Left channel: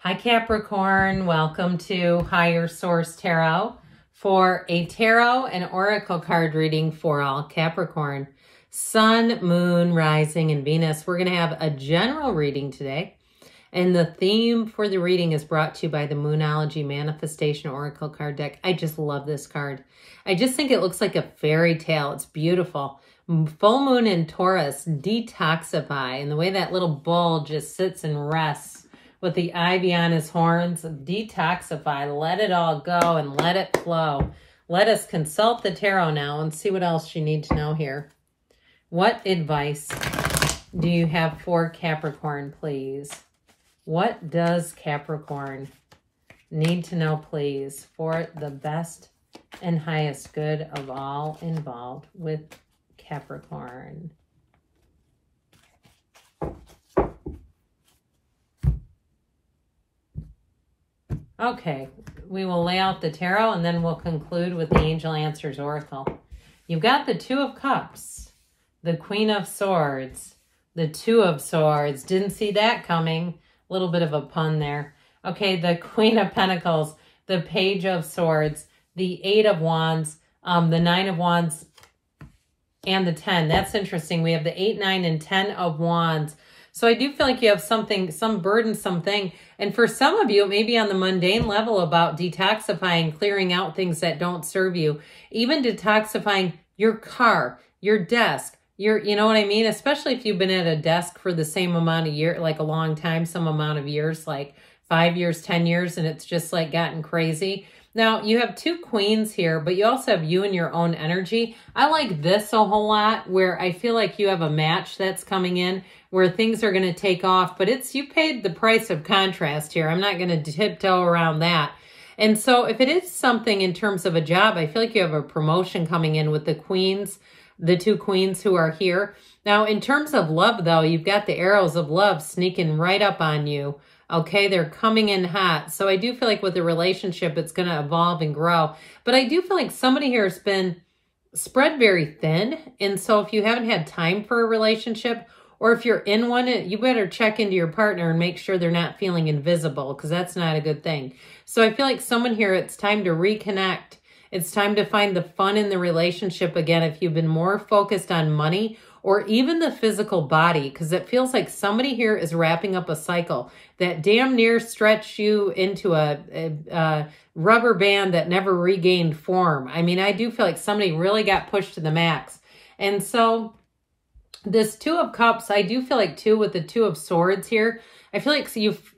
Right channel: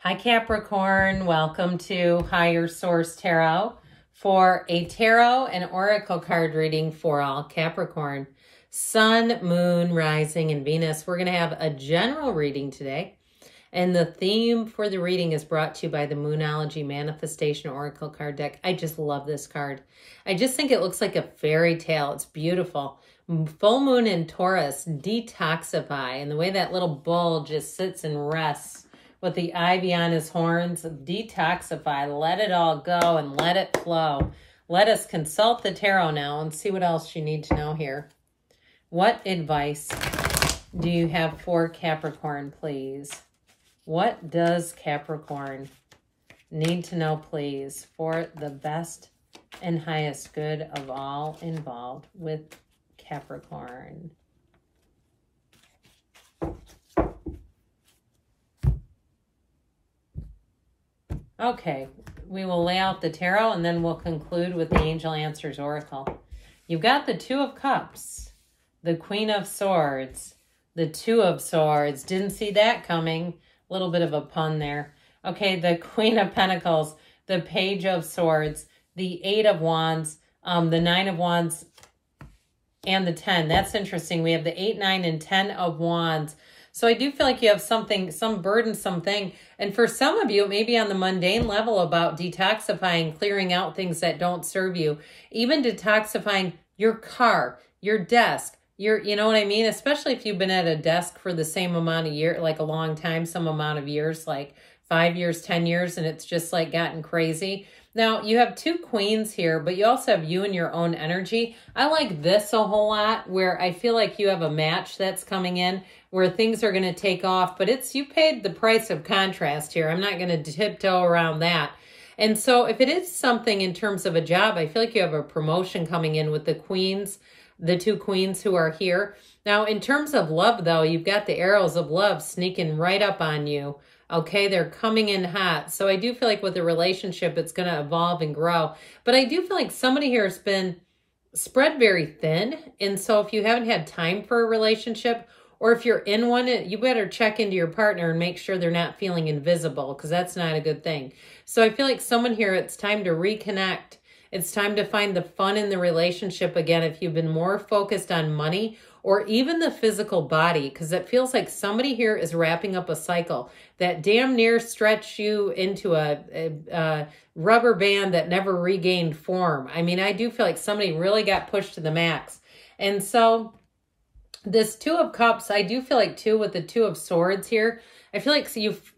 Hi Capricorn, welcome to Higher Source Tarot for a tarot and oracle card reading for all Capricorn. Sun, Moon, Rising, and Venus. We're going to have a general reading today. And the theme for the reading is brought to you by the Moonology Manifestation Oracle card deck. I just love this card. I just think it looks like a fairy tale. It's beautiful. Full moon in Taurus, detoxify. And the way that little bull just sits and rests with the ivy on his horns, detoxify, let it all go and let it flow. Let us consult the tarot now and see what else you need to know here. What advice do you have for Capricorn, please? What does Capricorn need to know, please, for the best and highest good of all involved with Capricorn? Okay, we will lay out the tarot and then we'll conclude with the Angel Answers Oracle. You've got the Two of Cups, the Queen of Swords, the Two of Swords. Didn't see that coming. A little bit of a pun there. Okay, the Queen of Pentacles, the Page of Swords, the Eight of Wands, the Nine of Wands, and the 10. That's interesting. We have the 8, 9, and 10 of Wands. So I do feel like you have something, some burdensome thing. And for some of you, it may be on the mundane level about detoxifying, clearing out things that don't serve you. Even detoxifying your car, your desk, you know what I mean? Especially if you've been at a desk for the same amount of years, like a long time, some amount of years, like 5 years, 10 years, and it's just like gotten crazy. Now, you have two queens here, but you also have you and your own energy. I like this a whole lot, where I feel like you have a match that's coming in, where things are going to take off, but you paid the price of contrast here. I'm not going to tiptoe around that. And so if it is something in terms of a job, I feel like you have a promotion coming in with the queens, the two queens who are here. Now, in terms of love, though, you've got the arrows of love sneaking right up on you. Okay, they're coming in hot. So I do feel like with a relationship, it's going to evolve and grow. But I do feel like somebody here has been spread very thin. And so if you haven't had time for a relationship, or if you're in one, you better check into your partner and make sure they're not feeling invisible, because that's not a good thing. So I feel like someone here, it's time to reconnect. It's time to find the fun in the relationship again if you've been more focused on money or even the physical body, because it feels like somebody here is wrapping up a cycle that damn near stretched you into a rubber band that never regained form. I mean, I do feel like somebody really got pushed to the max. And so this Two of Cups, I do feel like too with the Two of Swords here, I feel like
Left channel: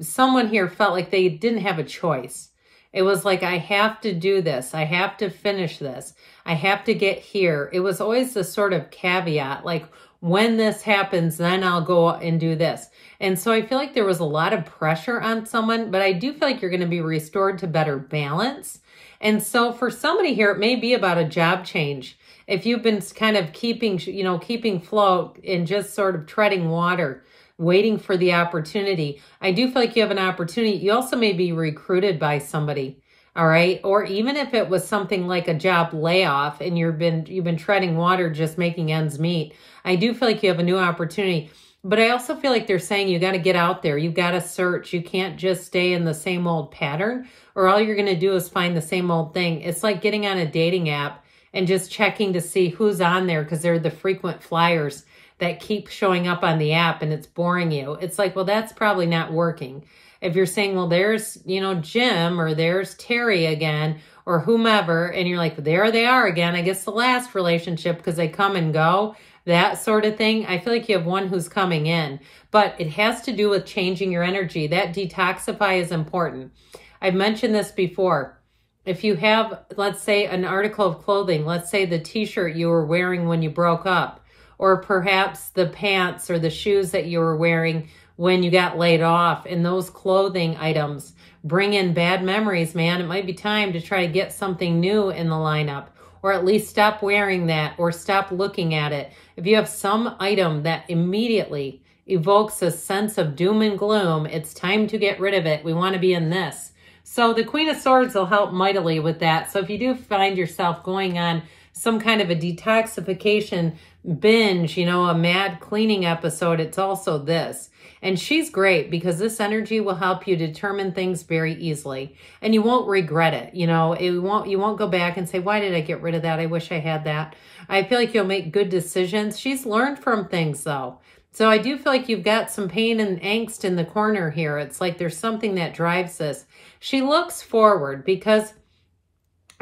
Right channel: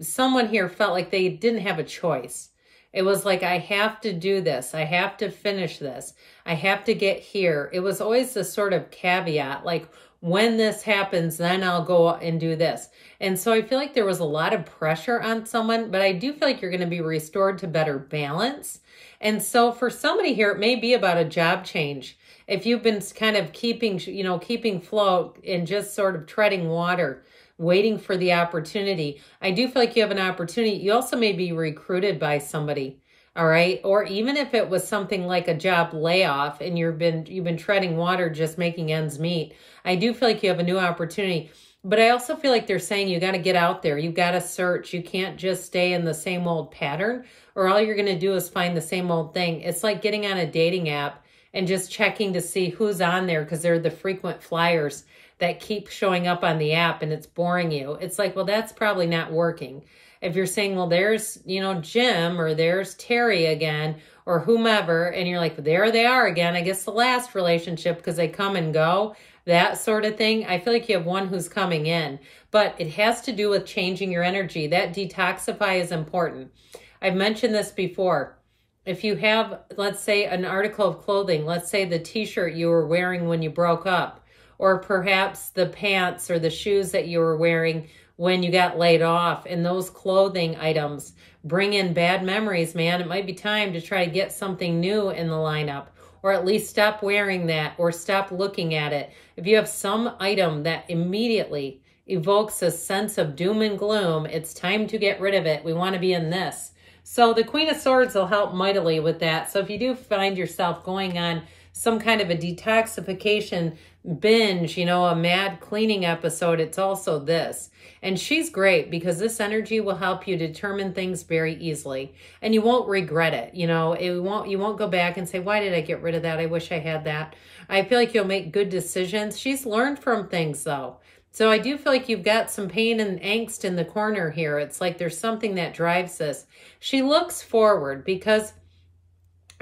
someone here felt like they didn't have a choice. It was like, I have to do this. I have to finish this. I have to get here. It was always the sort of caveat, like when this happens, then I'll go and do this. And so I feel like there was a lot of pressure on someone, but I do feel like you're going to be restored to better balance. And so for somebody here, it may be about a job change. If you've been kind of keeping float and just sort of treading water, waiting for the opportunity, I do feel like you have an opportunity. You also may be recruited by somebody, all right? Or even if it was something like a job layoff and you've been treading water, just making ends meet, I do feel like you have a new opportunity. But I also feel like they're saying you got to get out there. You got to search. You can't just stay in the same old pattern, or all you're going to do is find the same old thing. It's like getting on a dating app and just checking to see who's on there, because they're the frequent flyers that keep showing up on the app and it's boring you. It's like, well, that's probably not working. If you're saying, well, there's, Jim, or there's Terry again, or whomever, and you're like, there they are again, I guess the last relationship, because they come and go, that sort of thing. I feel like you have one who's coming in, but it has to do with changing your energy. That detoxify is important. I've mentioned this before. If you have, let's say, an article of clothing, let's say the t-shirt you were wearing when you broke up, or perhaps the pants or the shoes that you were wearing when you got laid off, and those clothing items bring in bad memories, man, it might be time to try to get something new in the lineup, or at least stop wearing that or stop looking at it. If you have some item that immediately evokes a sense of doom and gloom, it's time to get rid of it. We want to be in this. So the Queen of Swords will help mightily with that. So if you do find yourself going on some kind of a detoxification binge, a mad cleaning episode, it's also this. And she's great because this energy will help you determine things very easily. And you won't regret it. You know, you won't go back and say, why did I get rid of that? I wish I had that. I feel like you'll make good decisions. She's learned from things though. So I do feel like you've got some pain and angst in the corner here. It's like there's something that drives this. She looks forward because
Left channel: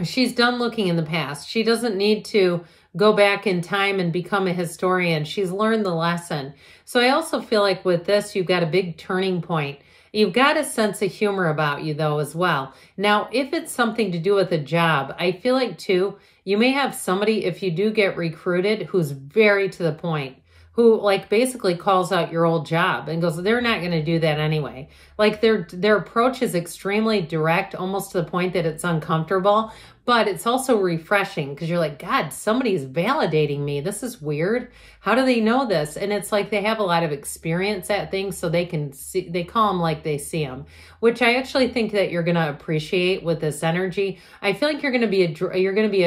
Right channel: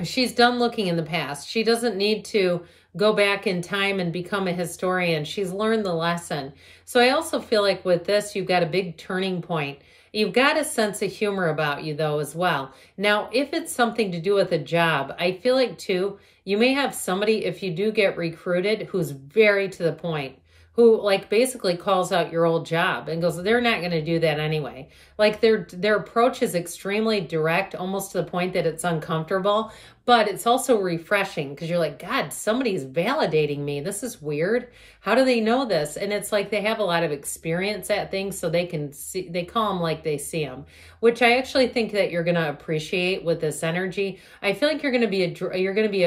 she's done looking in the past. She doesn't need to go back in time and become a historian. She's learned the lesson. So I also feel like with this, you've got a big turning point. You've got a sense of humor about you though as well. Now, if it's something to do with a job, I feel like too, you may have somebody, if you do get recruited, who's very to the point, who like basically calls out your old job and goes, they're not going to do that anyway. Like their approach is extremely direct, almost to the point that it's uncomfortable, but it's also refreshing because you're like, God, somebody's validating me. This is weird. How do they know this? And it's like they have a lot of experience at things, so they can see, they call them like they see them, which I actually think that you're going to appreciate with this energy. I feel like you're going to be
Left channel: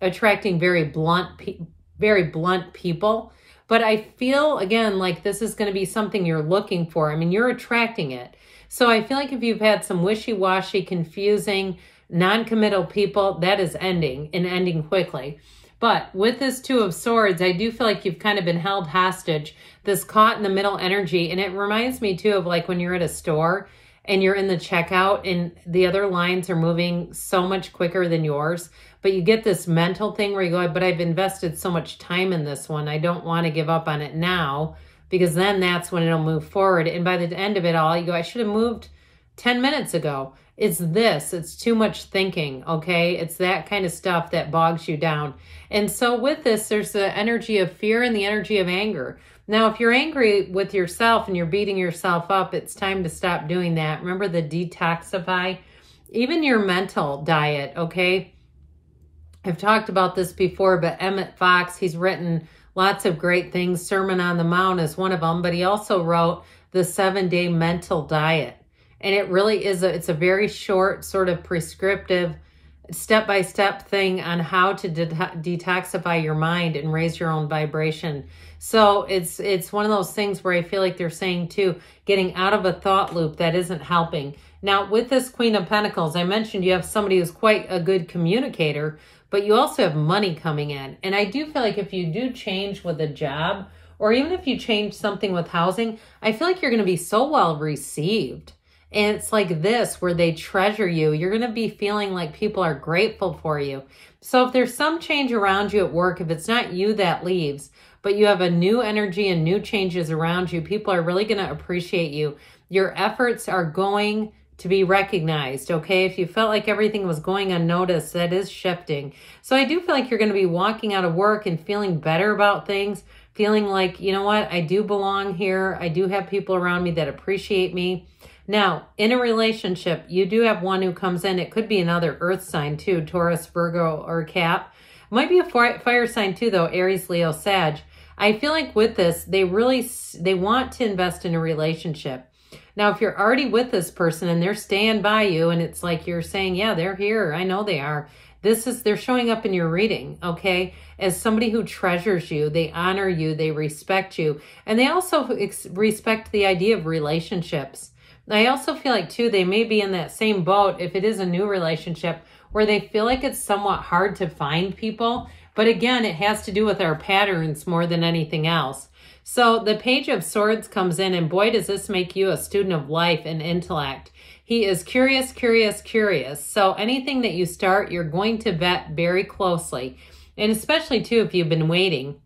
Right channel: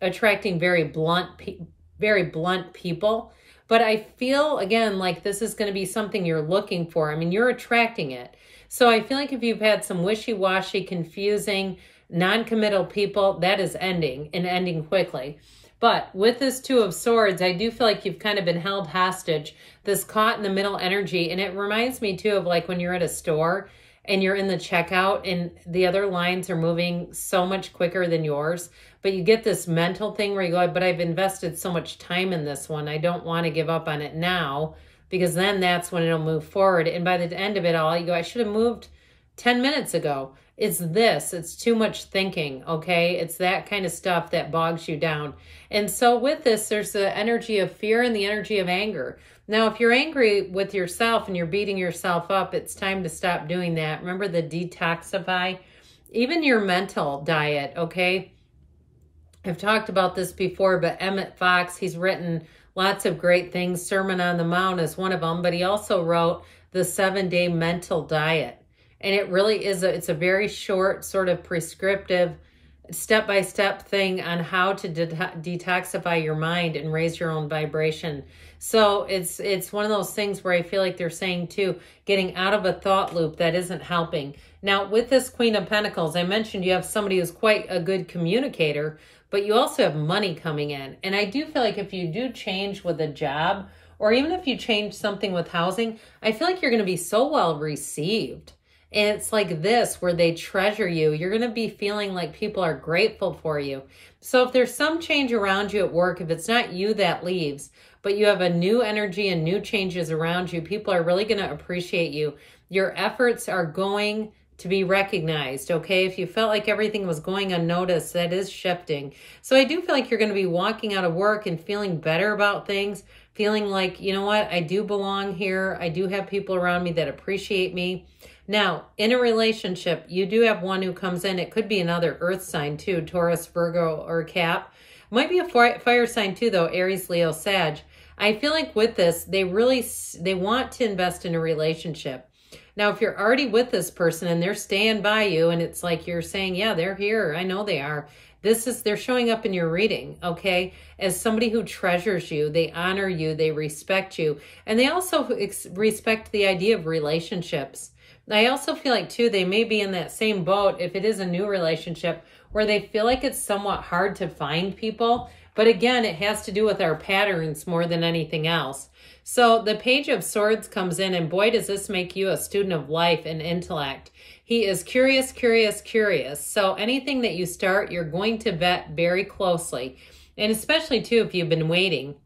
attracting very blunt people. But I feel, again, like this is going to be something you're looking for. I mean, you're attracting it. So I feel like if you've had some wishy-washy, confusing, non-committal people, that is ending, and ending quickly. But with this Two of Swords, I do feel like you've kind of been held hostage, this caught in the middle energy. And it reminds me, too, of like when you're at a store and you're in the checkout and the other lines are moving so much quicker than yours. But you get this mental thing where you go, but I've invested so much time in this one. I don't want to give up on it now because then that's when it'll move forward. And by the end of it all, you go, I should have moved 10 minutes ago. It's this. It's too much thinking, okay? It's that kind of stuff that bogs you down. And so with this, there's the energy of fear and the energy of anger. Now, if you're angry with yourself and you're beating yourself up, it's time to stop doing that. Remember the detoxify? Even your mental diet, okay? I've talked about this before, but Emmett Fox, he's written lots of great things. Sermon on the Mount is one of them, but he also wrote the 7-Day Mental Diet. And it really is, it's a very short, sort of prescriptive, step-by-step thing on how to detoxify your mind and raise your own vibration. So it's one of those things where I feel like they're saying too, getting out of a thought loop that isn't helping. Now, with this Queen of Pentacles, I mentioned you have somebody who's quite a good communicator, but you also have money coming in. And I do feel like if you do change with a job, or even if you change something with housing, I feel like you're going to be so well received. And it's like this, where they treasure you. You're going to be feeling like people are grateful for you. So if there's some change around you at work, if it's not you that leaves, but you have a new energy and new changes around you, people are really going to appreciate you. Your efforts are going to be recognized, okay? If you felt like everything was going unnoticed, that is shifting. So I do feel like you're going to be walking out of work and feeling better about things, feeling like, you know what, I do belong here. I do have people around me that appreciate me. Now, in a relationship, you do have one who comes in. It could be another earth sign too, Taurus, Virgo, or Cap. Might be a fire sign too, though, Aries, Leo, Sag. I feel like with this, they want to invest in a relationship. Now, if you're already with this person and they're staying by you and it's like you're saying, yeah, they're here. I know they are. They're showing up in your reading, okay? As somebody who treasures you, they honor you, they respect you. And they also respect the idea of relationships. I also feel like, too, they may be in that same boat, if it is a new relationship, where they feel like it's somewhat hard to find people. But again, it has to do with our patterns more than anything else. So the Page of Swords comes in, and boy, does this make you a student of life and intellect. He is curious, curious, curious. So anything that you start, you're going to vet very closely. And especially, too, if you've been waiting.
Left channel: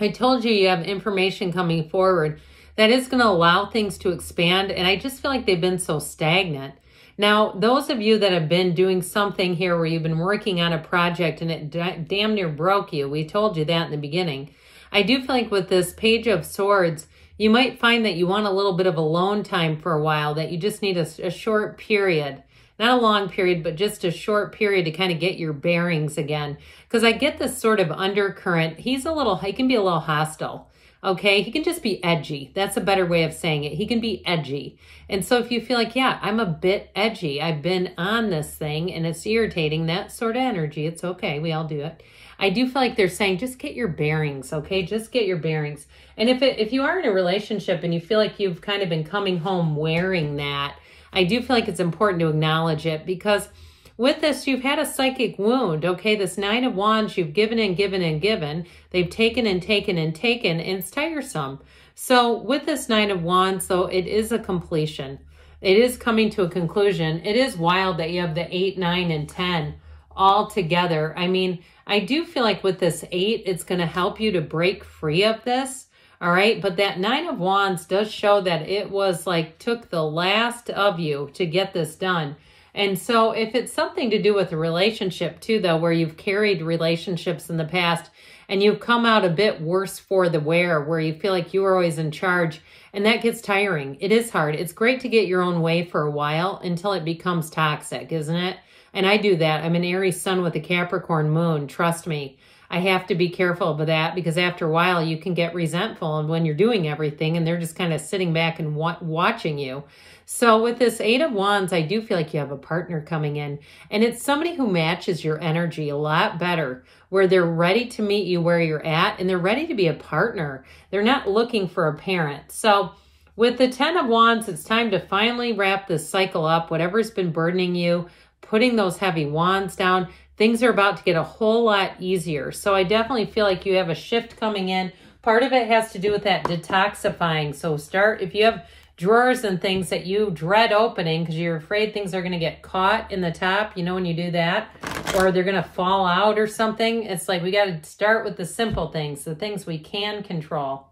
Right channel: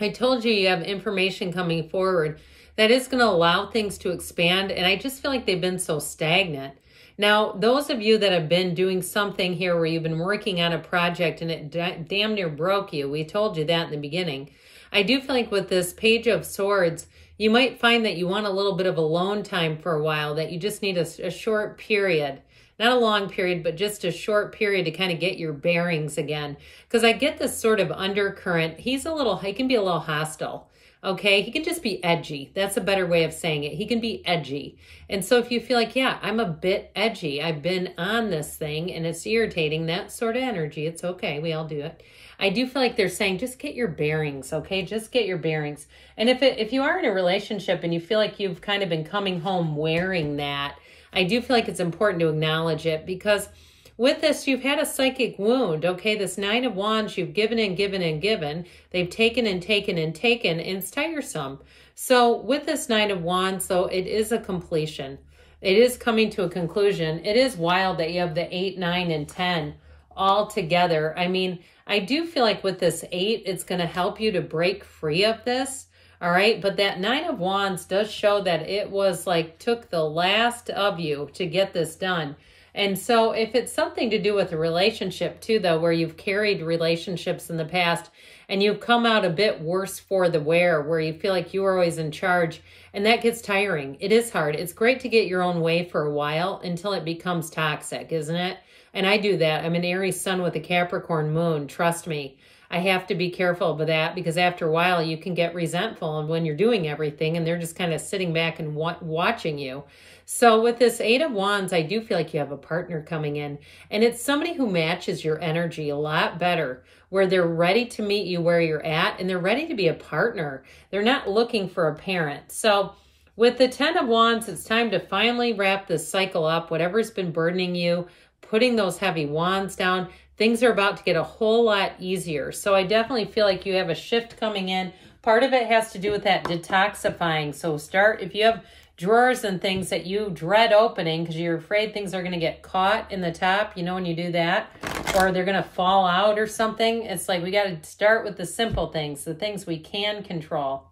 I told you you have information coming forward that is going to allow things to expand. And I just feel like they've been so stagnant. Now, those of you that have been doing something here where you've been working on a project and it damn near broke you, we told you that in the beginning. I do feel like with this Page of Swords, you might find that you want a little bit of alone time for a while, that you just need a short period. Not a long period, but just a short period to kind of get your bearings again. Because I get this sort of undercurrent. He can be a little hostile. Okay, he can just be edgy. That's a better way of saying it. He can be edgy. And so if you feel like, yeah, I'm a bit edgy, I've been on this thing and it's irritating, that sort of energy, it's okay, we all do it. I do feel like they're saying, just get your bearings, okay? Just get your bearings. And if you are in a relationship and you feel like you've kind of been coming home wearing that, I do feel like it's important to acknowledge it, because with this, you've had a psychic wound, okay? This Nine of Wands, you've given and given and given. They've taken and taken and taken, and it's tiresome. So with this Nine of Wands, though, it is a completion. It is coming to a conclusion. It is wild that you have the 8, 9, and 10 all together. I mean, I do feel like with this 8, it's going to help you to break free of this. All right. But that Nine of Wands does show that it was like took the last of you to get this done. And so if it's something to do with a relationship too, though, where you've carried relationships in the past and you've come out a bit worse for the wear, where you feel like you were always in charge, and that gets tiring. It is hard. It's great to get your own way for a while until it becomes toxic, isn't it? And I do that. I'm an Aries sun with a Capricorn moon. Trust me. I have to be careful with that, because after a while you can get resentful when you're doing everything and they're just kind of sitting back and watching you. So with this 8 of Wands, I do feel like you have a partner coming in, and it's somebody who matches your energy a lot better, where they're ready to meet you where you're at and they're ready to be a partner. They're not looking for a parent. So with the 10 of Wands, it's time to finally wrap this cycle up, whatever's been burdening you, putting those heavy wands down. Things are about to get a whole lot easier. So I definitely feel like you have a shift coming in. Part of it has to do with that detoxifying. So if you have drawers and things that you dread opening because you're afraid things are going to get caught in the top, you know, when you do that, or they're going to fall out or something. It's like we got to start with the simple things, the things we can control.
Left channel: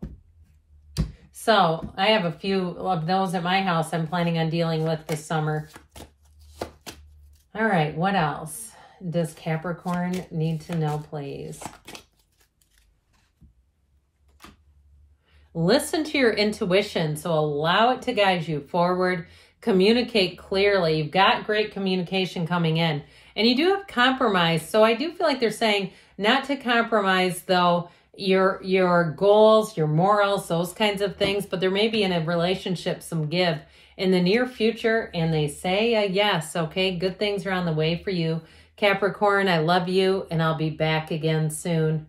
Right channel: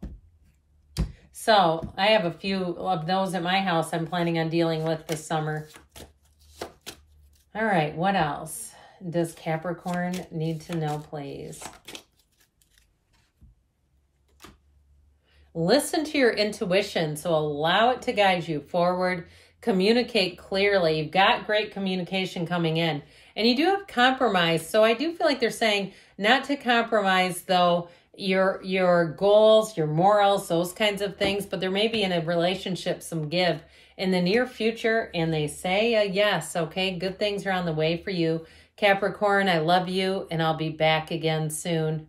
So I have a few of those at my house I'm planning on dealing with this summer. All right, what else does Capricorn need to know, please? Listen to your intuition, so allow it to guide you forward. Communicate clearly. You've got great communication coming in. And you do have compromise, so I do feel like they're saying not to compromise, though, your goals, your morals, those kinds of things, but there may be in a relationship some give in the near future, and they say yes, okay? Good things are on the way for you. Capricorn, I love you, and I'll be back again soon.